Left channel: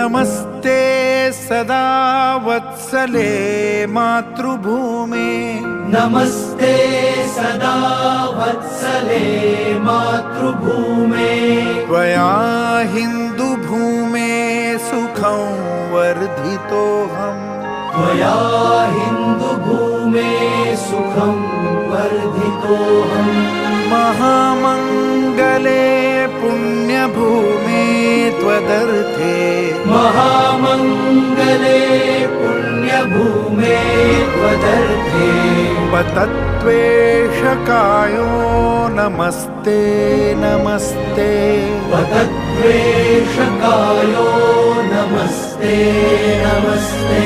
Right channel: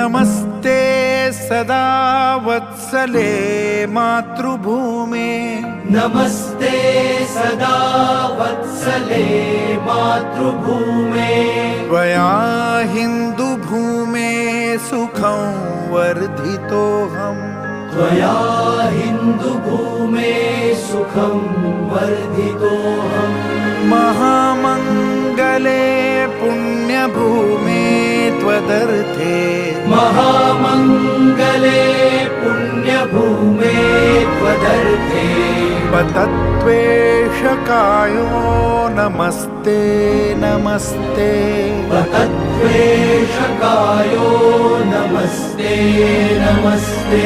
नमस्ते सदा वत्सले मातृभूमे। नमस्ते सदा वत्सले मातृभूमे। त्वया हिन्दुभूमे सुखं वर्धितोऽहम् त्वया हिन्दुभूमे सुखं वर्धितोऽहम् महामङ्गले पुण्यभूमे त्वदर्थे महामङ्गले पुण्यभूमे त्वदर्थे पतत्वेषकायो नमस्ते नमस्ते। पतत्वेषकायो नमस्ते नमस्ते